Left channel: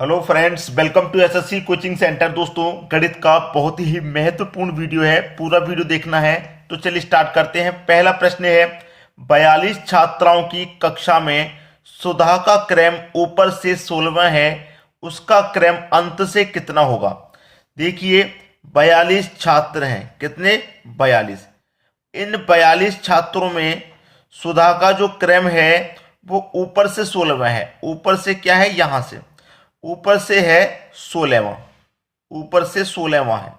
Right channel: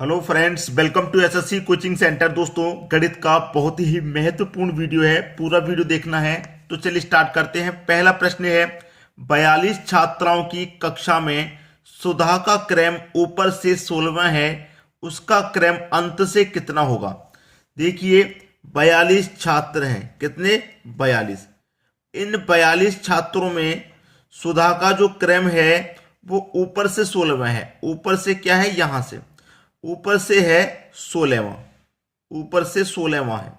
Hello friends, welcome to SSC coaching centre. दोस्तों, गणित का बहुत ही महत्वपूर्ण वीडियो है, पूरा वीडियो देखना है। तो चलिए स्टार्ट करते हैं। पहला प्रश्न है, 42 छात्राओं की कक्षा में सुधा का क्रम ऊपर से 16वां है, उसका क्रम अंत से कितना होगा। देखिए, 42 छात्र हैं। कितने? 42। इन 42 छात्रों में सुधा का जो क्रम है वो ऊपर से 16वां है। ऊपर से क्या है? यहां से ऊपर से है 16वां। ऊपर से 16वां है,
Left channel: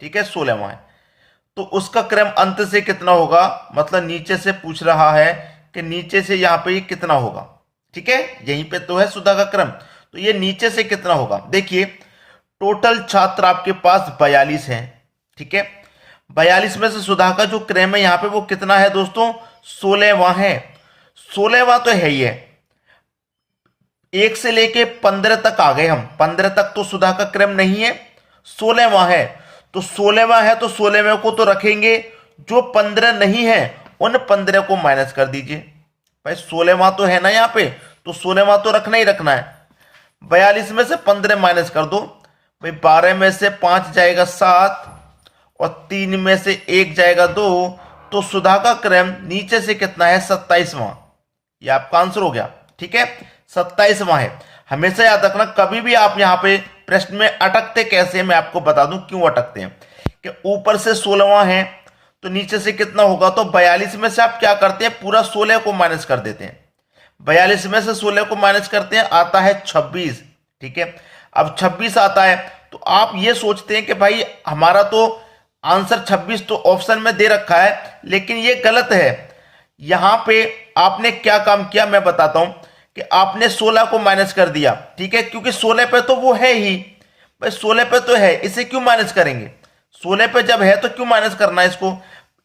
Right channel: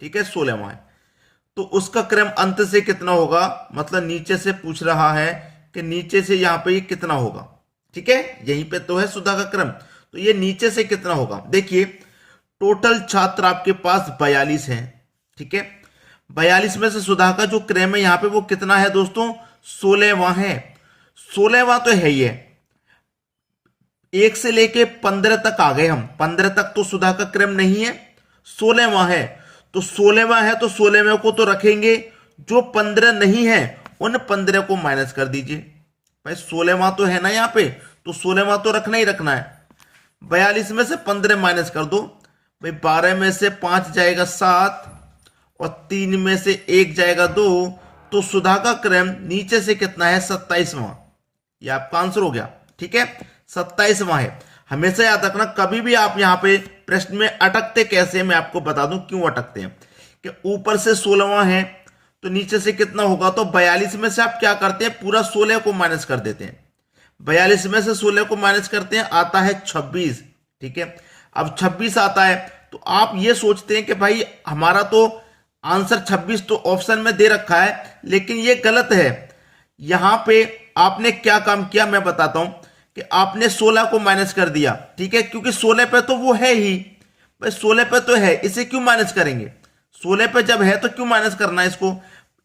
ठीक है, 16वां है। तो उसका क्रम अंत से कितना होगा, मतलब नीचे से पूछ रहा है कि नीचे से यहां पे ये कितना होगा। ठीक है, यहीं पे तो है सुधा का क्रम, तो ये नीचे से कितना होगा। देखिए, टोटल छात्र आपके पास 42 हैं, ठीक है। 42 में से सुधा का जो क्रम है यहां पे वो कितना है दोस्तों? 16वां है। 16वां तो है ही है। 1 से लेके 15 तक आ गए हम। 15 तक तो सुधा का क्रम नहीं है, 16वां है। तो 16वां है तो 16वें को तो रखेंगे, जो 15 नहीं है उन 15 को माइनस कर दीजिए। भाई 16वां तो है ना यहाँ पे, तो 16वां तो रखना ही रखना है। 42 में से 15 माइनस कर दो। भाई 12 में से 5 जाएगा 7, और 3 में से 1 जाएगा 2। तो सुधा का क्रम नीचे से कितना है? 27वां। ये आपका आंसर हो गया, ठीक है, 27वां है। हमेशा याद रखना, कभी भी आप यहां पे प्रश्न में अटकते कैसे, मैं आपको बता दूं क्यों अटकते हैं। कि ऊपर से 16वां है तो नीचे से कितना होगा, तो 42 में से आप क्या करते हैं, पूरा 16 को माइनस कर देते हैं। 42 में से 16 को माइनस करते हैं, आता है 26। ठीक है, अब 26 आता है तो आप ये सोचते हैं कि भाई हमारा तो आंसर 26 तो ऑप्शन में दे रखा है, लेकिन ये गलत है। यहां पे आपने क्या काम किया मैं बताता हूं, कि आपने 16 को माइनस कर दिया, ठीक है, क्योंकि 16 पे तो वो है ही। भाई 16 पे तो है, इसे क्यों माइनस करेंगे? 16 पे जब है तो क्यों माइनस करना है इसको?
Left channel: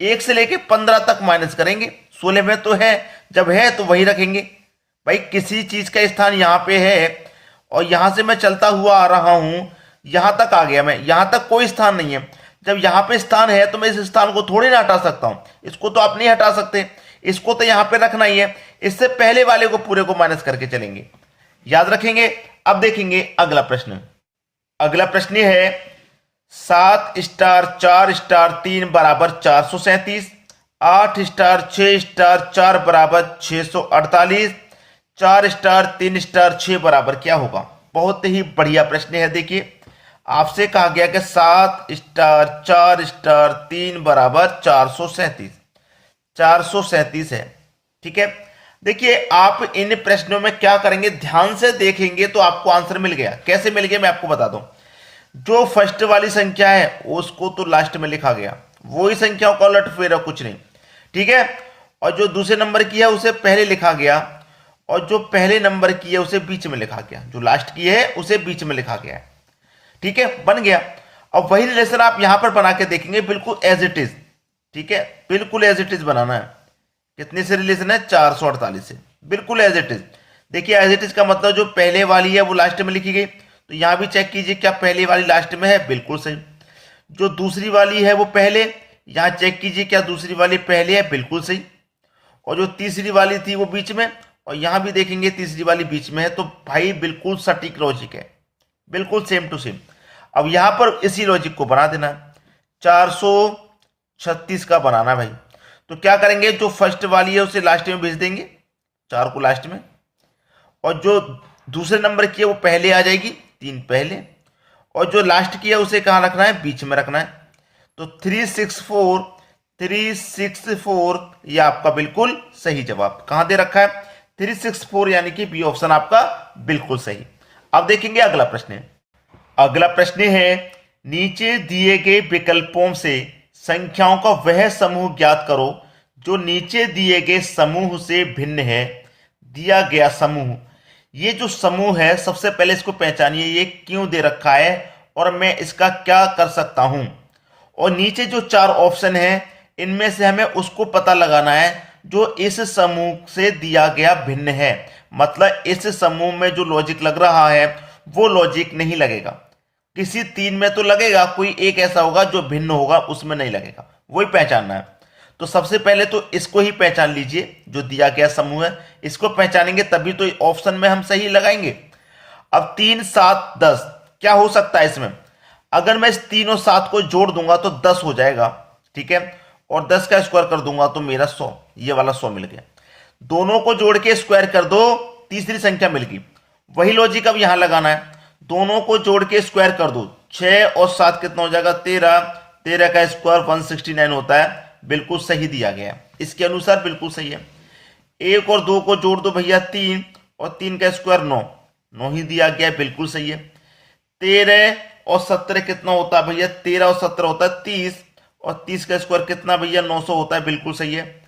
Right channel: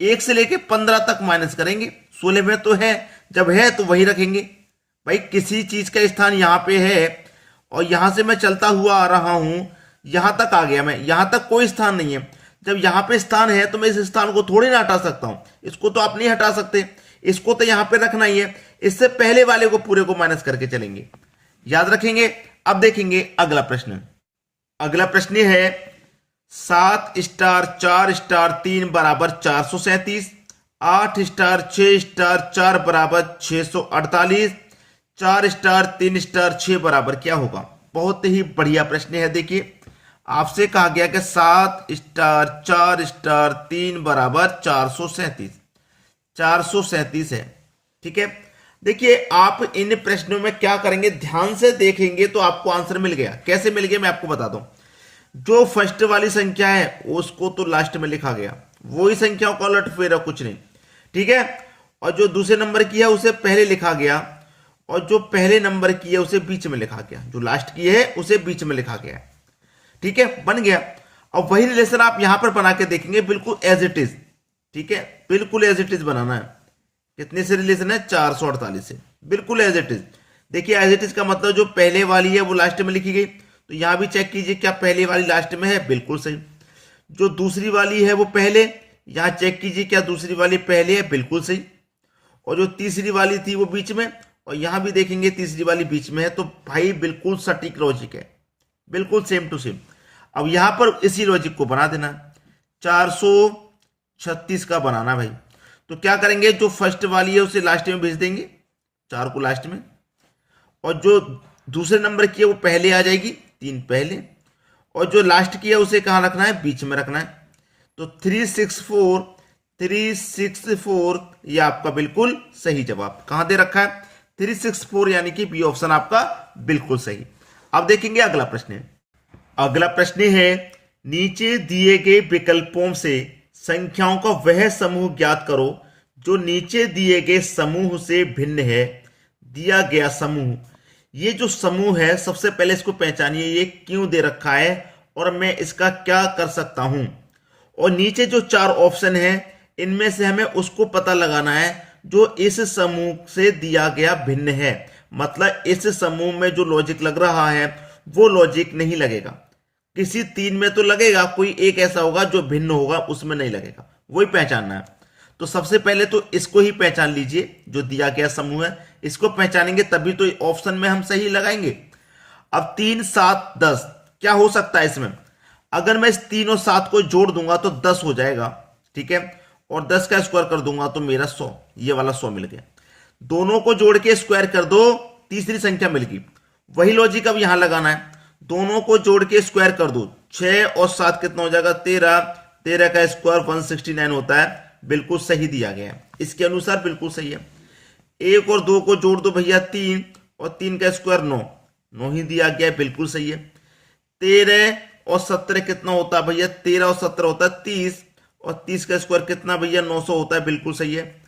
1 से लेके 15 तक माइनस करेंगे। 16 में तो है, जब है तो वही रखेंगे। भाई किसी चीज का स्थान यहां पे है, और यहां से मैं चलता हुआ आ रहा हूं, यहां तक आ गया मैं, यहां तक कोई स्थान नहीं है। जब यहां पे स्थान है तो मैं इस स्थान को थोड़ी ना हटा सकता हूं, इसको तो आप नहीं हटा सकते, इसको तो यहां पे रखना ही है। इससे पहले वाले को पूरे को माइनस करके चलेंगे, याद रखेंगे। अब देखेंगे अगला प्रश्न। अगला प्रश्न ये है, 7 स्टार 4 स्टार 3 बराबर 437, 8 स्टार 6 स्टार 4 बराबर 648, 4 स्टार 3 स्टार 6 बराबर क्या होगा। बहुत ही बढ़िया प्रश्न है। देखिए, आपसे कहा गया कि 7 स्टार 4 स्टार 3 बराबर 437, 437 है, ठीक है। देखिए, आप इन प्रश्नों में क्या करेंगे, ध्यान से देखेंगे तो आपको आंसर मिल गया। कैसे मिल गया मैं आपको बता दूं। जो फर्स्ट वाली संख्या है उसको तो लास्ट में लिखा गया, वही संख्याओं का उलट फेर है, कुछ नहीं, ठीक है। और जो दूसरे नंबर की है उसे पहले लिखा गया, और जो पहले नंबर की है उसे बीच में लिखा गया, जो लास्ट की है उसे बीच में लिखा गया है, ठीक है, बन गया। अब वही रिलेशन आप यहां पर बना के देखेंगे, बिल्कुल एज इट इज, ठीक है, बिल्कुल एज इट इज बनाना है। कितने से रिलेशन है? 448 से, बिल्कुल एज इट इज। देखिए, एज इट इज का मतलब जो पहले वाली है वो लास्ट में लिखी गई, तो यहां भी चेक कीजिए क्या पहले वाली लास्ट में है, बिल्कुल सही। जो दूसरी वाली है वो पहले, यहां चेक कीजिए क्या दूसरी वाली पहले है, बिल्कुल सही। और जो तीसरी वाली थी वो बीच में, और यहां भी देखेंगे तीसरी वाली बीच में है, तो भाई बिल्कुल सटीक लॉजिक है, बिल्कुल सेम टू सेम। अब यहां पर इसी लॉजिक को बना देना, 436 का बनाना भाई। तो क्या करेंगे, जो फर्स्ट वाली है उसे लास्ट में भेज देंगे, 4 को लास्ट में, और जो दूसरे नंबर की है वो पहले आ जाएगी, 3 पहले, और जो लास्ट की है उसे कहां रखना है? बीच में रखना है। तो 364, 364 ये आपका बिल्कुल सही जवाब कहां दे रखा है? 364, यानी कि बी ऑप्शन आपका बिल्कुल सही। अब देखेंगे अगला प्रश्न। अगला प्रश्न है, नीचे दिए गए विकल्पों से संख्याओं का वह समूह ज्ञात करो जो नीचे दिए गए समूह से भिन्न है। दिया गया समूह, ये जो समूह है सबसे पहले इसको पहचानिए, ये क्यों दे रखा है और मैं इसका क्या कर सकता हूं। और नीचे जो 4 ऑप्शन है इनमें से हमें उसको पता लगाना है जो इस समूह से दिया गया भिन्न है। मतलब इस समूह में जो लॉजिक लग रहा है वो लॉजिक नहीं लगेगा, किसी 3 में तो लगेगा, कोई एक ऐसा होगा जो भिन्न होगा, उसमें नहीं लगेगा, वही पहचानना है। तो सबसे पहले तो इसको ही पहचान लीजिए, जो दिया गया समूह है इसको पहचानेंगे तभी तो ऑप्शन में हम सही लगाएंगे। अब 3 7 10 क्या हो सकता है इसमें, अगर मैं इस 3 और 7 को जोड़ दूंगा तो 10 हो जाएगा, ठीक है, और 10 का स्क्वायर कर दूंगा तो मेरा 100, ये वाला 100 मिल गया। दोनों को जोड़ के स्क्वायर कर दो, तीसरी संख्या मिल गई। वही लॉजिक अब यहां लगाना है, दोनों को जोड़ के स्क्वायर कर दो, 6 और 7 कितना हो जाएगा 13, 13 का स्क्वायर 169 होता है, बिल्कुल सही दिया गया है, इसके अनुसार बिल्कुल सही है। 1 और 2 को जोड़ दो भैया 3, और 3 का स्क्वायर 9, 9 ही दिया गया है, बिल्कुल सही है। 13 और 17 कितना होता है भैया, 13 और 17 होता है 30, और 30 का स्क्वायर कितना भैया 900 होता है, बिल्कुल सही है।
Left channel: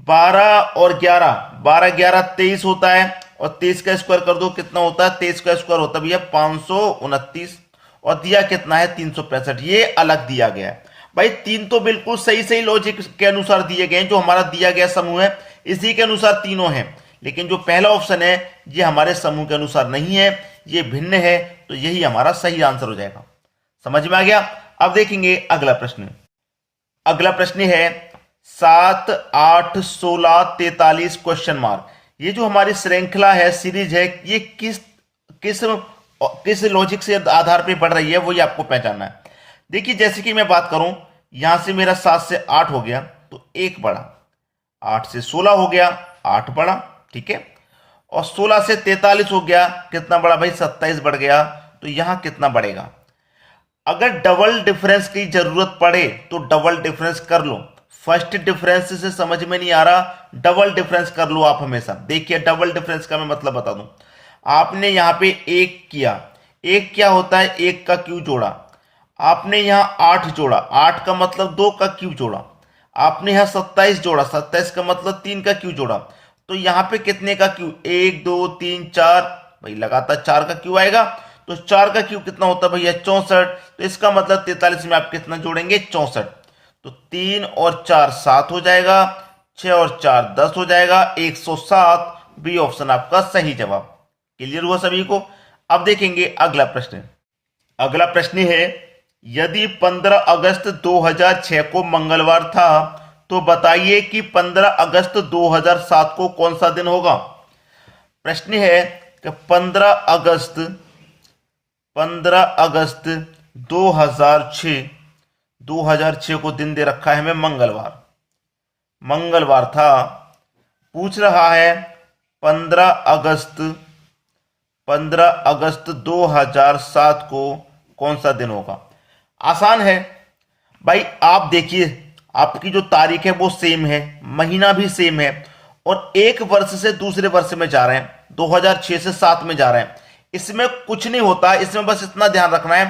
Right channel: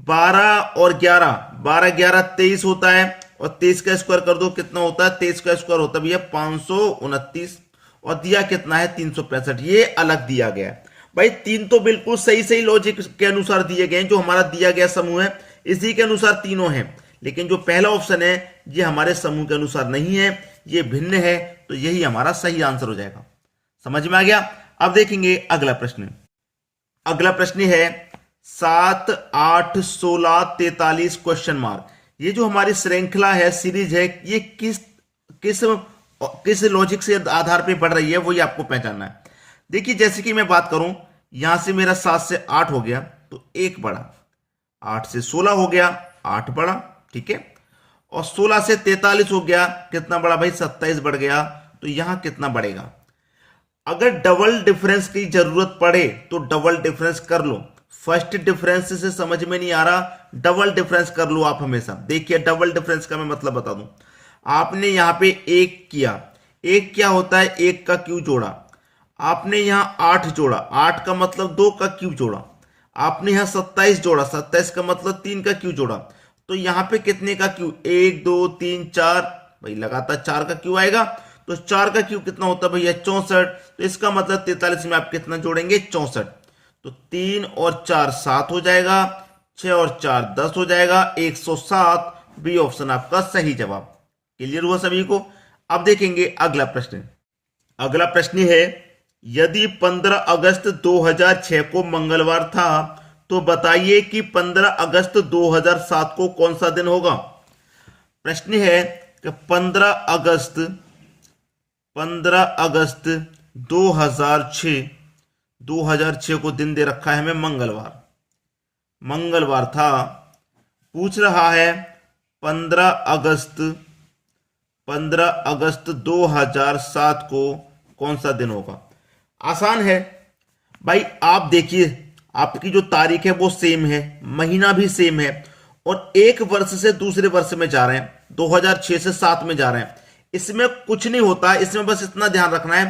12 और 11, 12 11 23 होता है, और 23 का स्क्वायर कर दो कितना होता है, 23 का स्क्वायर होता है भैया 529, और दिया कितना है 365, ये अलग दिया गया है। भाई तीन तो बिल्कुल सही सही लॉजिक के अनुसार दिए गए हैं, जो हमारा दिया गया समूह है इसी के अनुसार तीनों हैं, लेकिन जो पहला ऑप्शन है ये हमारे समूह के अनुसार नहीं है, ये भिन्न है, तो यही हमारा सही आंसर हो जाएगा। समझ में आ गया। अब देखेंगे अगला प्रश्न। अगला प्रश्न है 7 8 16 43 क्वेश्चन मार्क। ये जो हमारी श्रृंखला है, सीरीज है, ये किस किस किस लॉजिक से आधार पे बढ़ रही है, वो ये आपको पहचानना है। देखिए जैसे कि मैं बात करूं, यहां से मेरा 7 से 8 हो गया तो 1 बढ़ा, 8 से 16 हो गया 8 बढ़ा, ठीक है, और 16 से 43 हो गया, कितना बढ़ा भाई 27 बढ़ गया, तो यहां कितना बढ़ेगा। अगर डबल डिफरेंस की जरूरत पड़े तो डबल डिफरेंस कर लो, फर्स्ट डिफरेंस से समझ में नहीं आ रहा, डबल डिफरेंस कर लो आप हमेशा। देखिए डबल डिफरेंस का मैं मतलब बता दूं, आपने यहां पे 1 किया, 1 क्या होता है 1 का क्यूब जोड़ा, आपने यहां 8 जोड़ा, 8 का मतलब 2 का क्यूब जोड़ा, आपने यहां 27 जोड़ा, 27 का मतलब 3 का क्यूब जोड़ा, तो यहां पे कितने का क्यूब 1 2 3 4, भाई लगातार 4 का क्यूब आएगा, तो 4 का क्यूब कितना होता है भैया 64, तो इसका मतलब 43 में आप कितना जोड़ेंगे 64, तो 3 और 4 7 हो जाएगा, 6 और 4 10 हो जाएगा, 107, बी ऑप्शन आपका सही जवाब। क्लियर हुआ सभी को। अब देखेंगे अगला प्रश्न। अगला प्रश्न है यदि 15 अगस्त 2006 को मंगलवार था तो बताइए कि 15 अगस्त 2007 को कौन सा दिन होगा। प्रश्न है कि 15 अगस्त 2006 को दिन दे रखा है हमें मंगलवार, मंगलवार था, पूछ रहा है 15 अगस्त 2007 को कौन सा दिन होगा। आसान है भाई, आप देखिए आपकी जो तारीख है वो सेम है, महीना भी सेम है, और एक वर्ष से दूसरे वर्ष में जा रहे हैं, 2006 से 7 में जा रहे हैं, इसमें कुछ नहीं होता। इसमें बस इतना ध्यान रखना है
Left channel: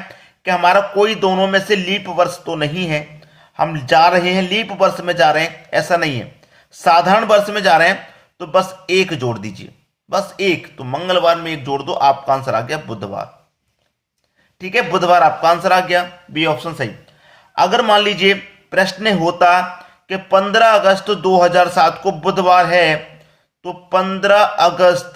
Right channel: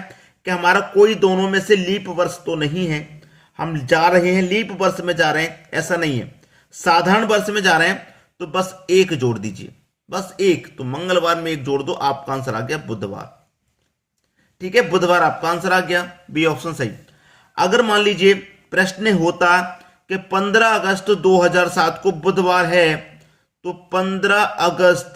कि हमारा कोई दोनों में से लीप वर्ष तो नहीं है, हम जा रहे हैं लीप वर्ष में जा रहे हैं ऐसा नहीं है, साधारण वर्ष में जा रहे हैं, तो बस एक जोड़ दीजिए, बस एक, तो मंगलवार में एक जोड़ दो, आपका आंसर आ गया बुधवार। ठीक है, बुधवार आपका आंसर आ गया, बी ऑप्शन सही। अगर मान लीजिए प्रश्न होता कि 15 अगस्त 2007 को बुधवार है, तो 15 अगस्त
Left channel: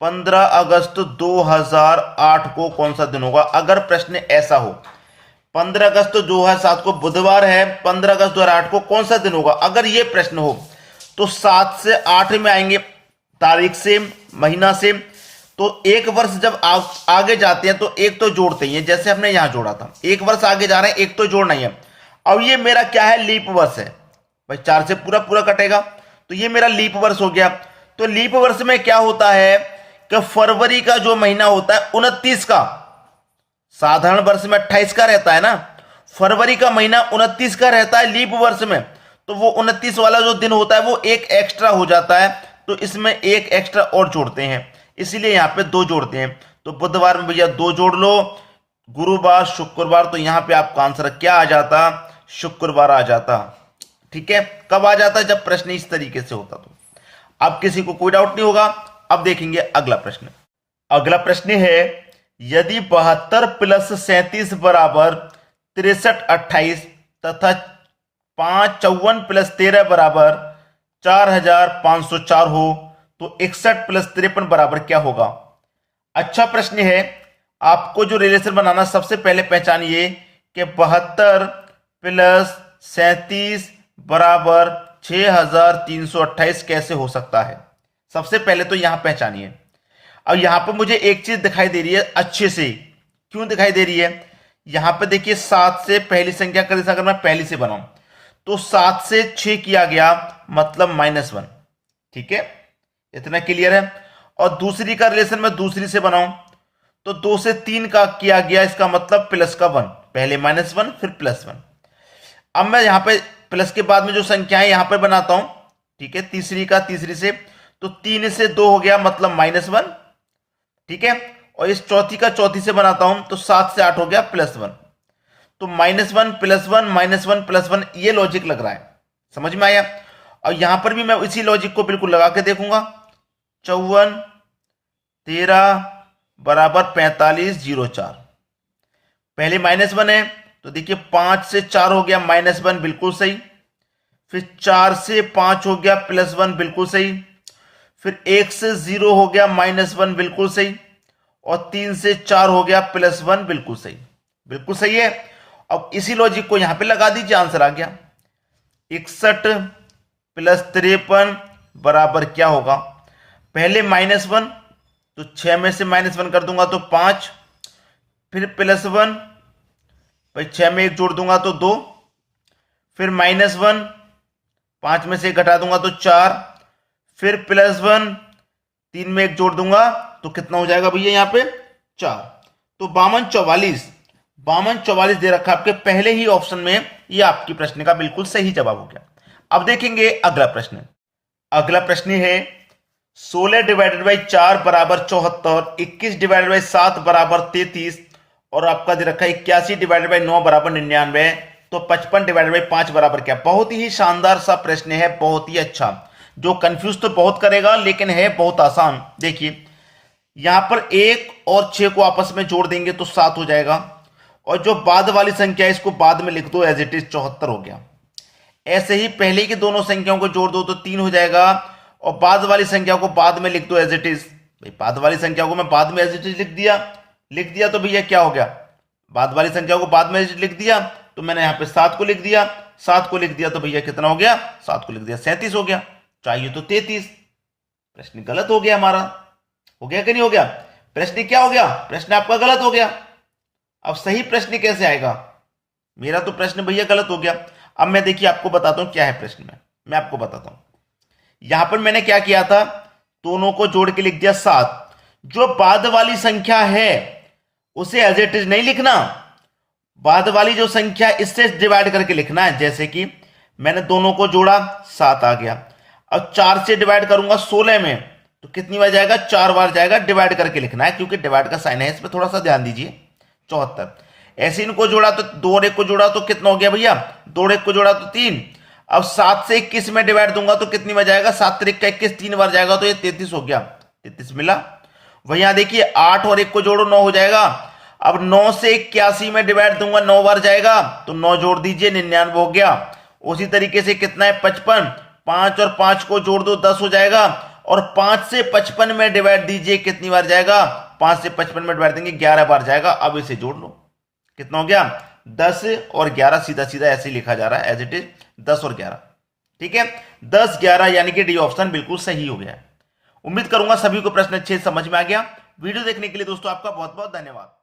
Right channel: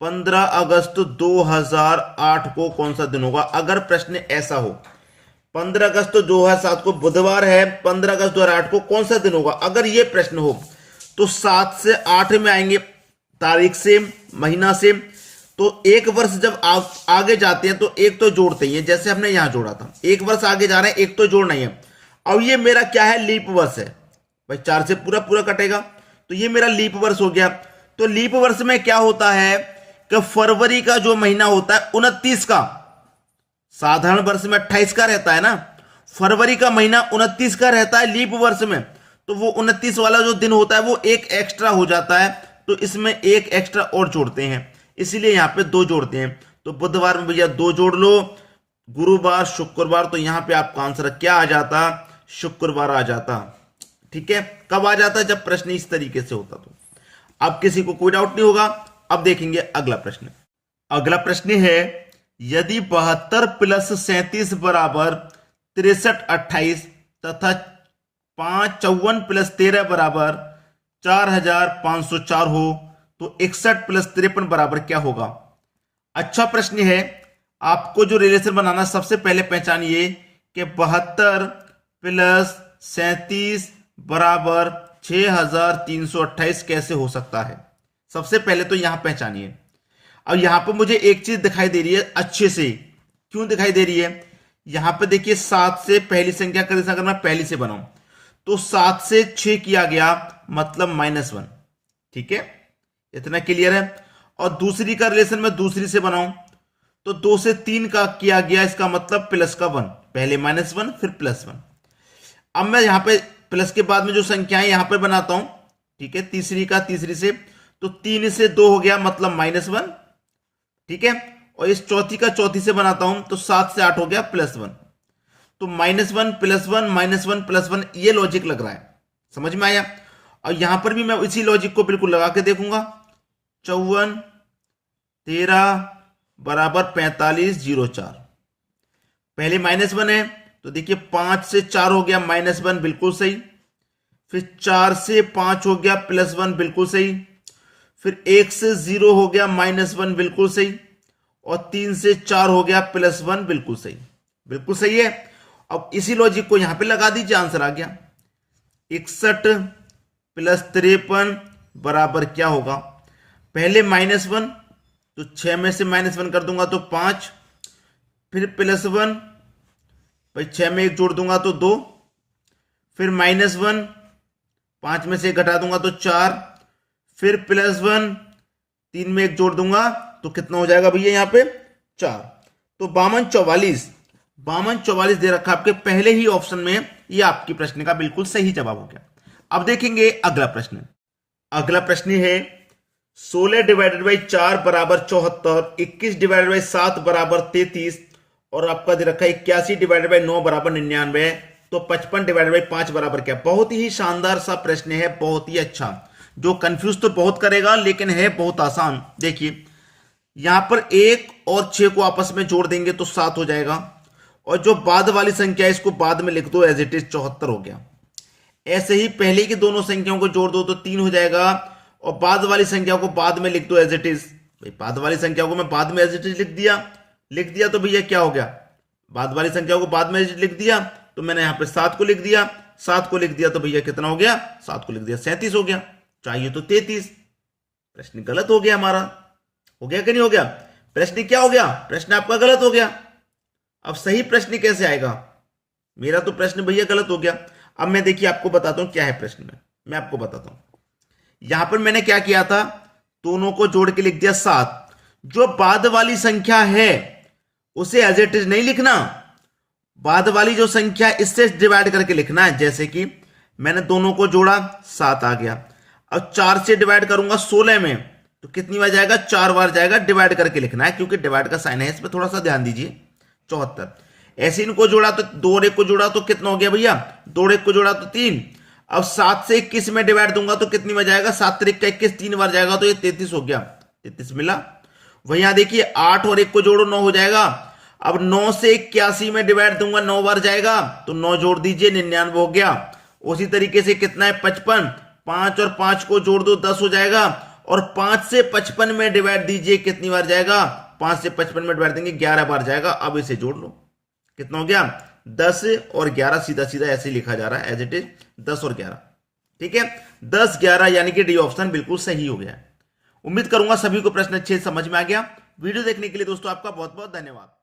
2008 को कौन सा दिन होगा। अगर प्रश्न ऐसा हो 15 अगस्त 2007 को बुधवार है, 15 अगस्त 2008 को कौन सा दिन होगा, अगर यह प्रश्न हो तो 7 से 8 में आएंगे, तारीख सेम, महीना सेम, तो एक वर्ष जब आगे जाते हैं तो एक तो जोड़ते ही हैं, जैसे हमने यहां जोड़ा था, एक वर्ष आगे जा रहे हैं एक तो जोड़ना ही है। अब ये मेरा क्या है, लीप वर्ष है भाई, 4 से पूरा पूरा कटेगा, तो ये मेरा लीप वर्ष हो गया। तो लीप वर्ष में क्या होता है कि फरवरी का जो महीना होता है 29 का, साधारण वर्ष में 28 का रहता है ना, फरवरी का महीना 29 का रहता है लीप वर्ष में, तो वो 29 वाला जो दिन होता है वो एक एक्स्ट्रा हो जाता है, तो इसमें एक एक्स्ट्रा और जोड़ते हैं, इसीलिए यहां पे 2 जोड़ते हैं। तो बुधवार में भैया 2 जोड़ लो, गुरुवार शुक्रवार, तो यहां पे आपका आंसर क्या आ जाता, शुक्रवार आ जाता। ठीक है, कब आ जाता, जब प्रश्न इस तरीके से होता। तो अब किसी को कोई डाउट नहीं होगा। अब देखेंगे अगला प्रश्न। अगला प्रश्न है यदि 72 प्लस 37 बराबर 63 28 तथा 5 54 प्लस 13 बराबर 4504 हो तो 61 प्लस 53 बराबर क्या होगा। अच्छा प्रश्न है। आपको जो रिलेशन बनाना, सबसे पहले पहचानिए कि 72 प्लस 37 बराबर 6328 कैसे हो सकता है। सबसे पहले तो यहां पहचानिए। अब यहां पर मुझे एक चीज दिखाई दे रही है अच्छे से, क्यों दिखाई दे रही है? यहां पर देखिए 7 से पहली संख्या का अगर मैं पहली से बनाऊं तो 7 से 6 किया गया मतलब -1, ठीक है, इतना क्लियर है। और दूसरी का रिलेशन मैं दूसरी से बनाऊं तो 2 से 3 का किया गया, इसका मतलब प्लस का 1, पहले -1 फिर +1। अब मैं यहां पे प्लस के बाद में जो संख्या है यहां पर बनाता हूं, ठीक है, तीसरी का तीसरी से, तो 3 से 2 हो गया मतलब -1, ठीक है। और इस चौथी का चौथी से बनाता हूं तो 7 से 8 हो गया +1, तो -1 +1 -1 +1, ये लॉजिक लग रहा है, समझ में आया? और यहां पर भी मैं इसी लॉजिक को बिल्कुल लगा के देखूंगा। 54 13 बराबर 45 04, पहले -1 है तो देखिए 5 से 4 हो गया -1, बिल्कुल सही। फिर 4 से 5 हो गया +1, बिल्कुल सही। फिर 1 से 0 हो गया -1, बिल्कुल सही। और 3 से 4 हो गया +1, बिल्कुल सही, बिल्कुल सही है। अब इसी लॉजिक को यहां पे लगा दीजिए, आंसर आ गया 61 + 53 बराबर क्या होगा? पहले -1 तो 6 में से -1 कर दूंगा तो 5, फिर +1 भाई 6 में 1 जोड़ दूंगा तो 2, फिर -1 5 में से घटा दूंगा तो 4, फिर +1 3 में 1 जोड़ दूंगा तो कितना हो जाएगा भैया यहां पे 4। तो 52 44 दे रखा आपके पहले ही ऑप्शन में, ये आपकी प्रश्न का बिल्कुल सही जवाब हो गया। अब देखेंगे अगला प्रश्न। अगला प्रश्न है 16 / 4 बराबर 74, 21 / 7 बराबर 33 और आपका दे रखा है 81 / 9 बराबर 99, तो 55 / 5 बराबर क्या? बहुत ही शानदार सा प्रश्न है, बहुत ही अच्छा, जो कंफ्यूज तो बहुत करेगा लेकिन है बहुत आसान। देखिए यहां पर 1 और 6 को आपस में जोड़ देंगे तो 7 हो जाएगा, और जो बाद वाली संख्या है इसको बाद में लिख दो एज इट इज, 74 हो गया। ऐसे ही पहले की दोनों संख्याओं को जोड़ दो तो 3 हो जाएगा, और बाद वाली संख्या को बाद में लिख दो एज इट इज। भाई बाद वाली संख्या को मैं बाद में एज इट इज लिख दिया तो भैया क्या हो गया? बाद वाली संख्या को बाद में लिख दिया तो मैंने यहां पे 7 को लिख दिया, 7 को लिख दिया तो भैया कितना हो गया? 7 को लिख दिया 37 हो गया, चाहिए तो 33। प्रश्न गलत हो गया हमारा, हो गया कि नहीं हो गया? प्रश्न क्या हो गया? प्रश्न आपका गलत हो गया। अब सही प्रश्न कैसे आएगा? मेरा तो प्रश्न भैया गलत हो गया। अब मैं देखिए आपको बताता हूं क्या है प्रश्न में, मैं आपको बताता हूं। यहां पर मैंने क्या किया था, दोनों को जोड़ के लिख दिया 7। जो बाद वाली संख्या है उसे एज इट इज नहीं लिखना, बाद वाली जो संख्या इससे डिवाइड करके लिखना है। जैसे कि मैंने दोनों को जोड़ा 7 आ गया, अब 4 से डिवाइड करूंगा 16 में तो कितनी बार जाएगा? 4 बार जाएगा, डिवाइड करके लिखना है क्योंकि डिवाइड का साइन है, इस पर थोड़ा सा ध्यान दीजिए। 74, ऐसे इनको जोड़ा तो 2 और 1 को जोड़ा तो कितना हो गया भैया? 2 और 1 को जोड़ा तो 3। अब 7 से 21 में डिवाइड दूंगा तो कितनी बार जाएगा? 7 3 का 21, 3 बार जाएगा तो ये 33 हो गया, 33 मिला। वही यहां देखिए 8 और 1 को जोड़ो 9 हो जाएगा। अब 9 से 81 में डिवाइड दूंगा 9 बार जाएगा तो 9 जोड़ दीजिए 99 हो गया। उसी तरीके से कितना है? 55, 5 और 5 को जोड़ दो 10 हो जाएगा, और 5 से 55 में डिवाइड दीजिए कितनी बार जाएगा? 5 से 55 में डिवाइड देंगे 11 बार जाएगा। अब इसे जोड़ लो, कितना हो गया? 10 और 11, सीधा सीधा ऐसे ही लिखा जा रहा है एज इट इज, 10 और 11, ठीक है, 10 11, यानी कि डी ऑप्शन बिल्कुल सही हो गया है। उम्मीद करूंगा सभी को प्रश्न अच्छे समझ में आ गया। वीडियो देखने के लिए दोस्तों आपका बहुत बहुत धन्यवाद।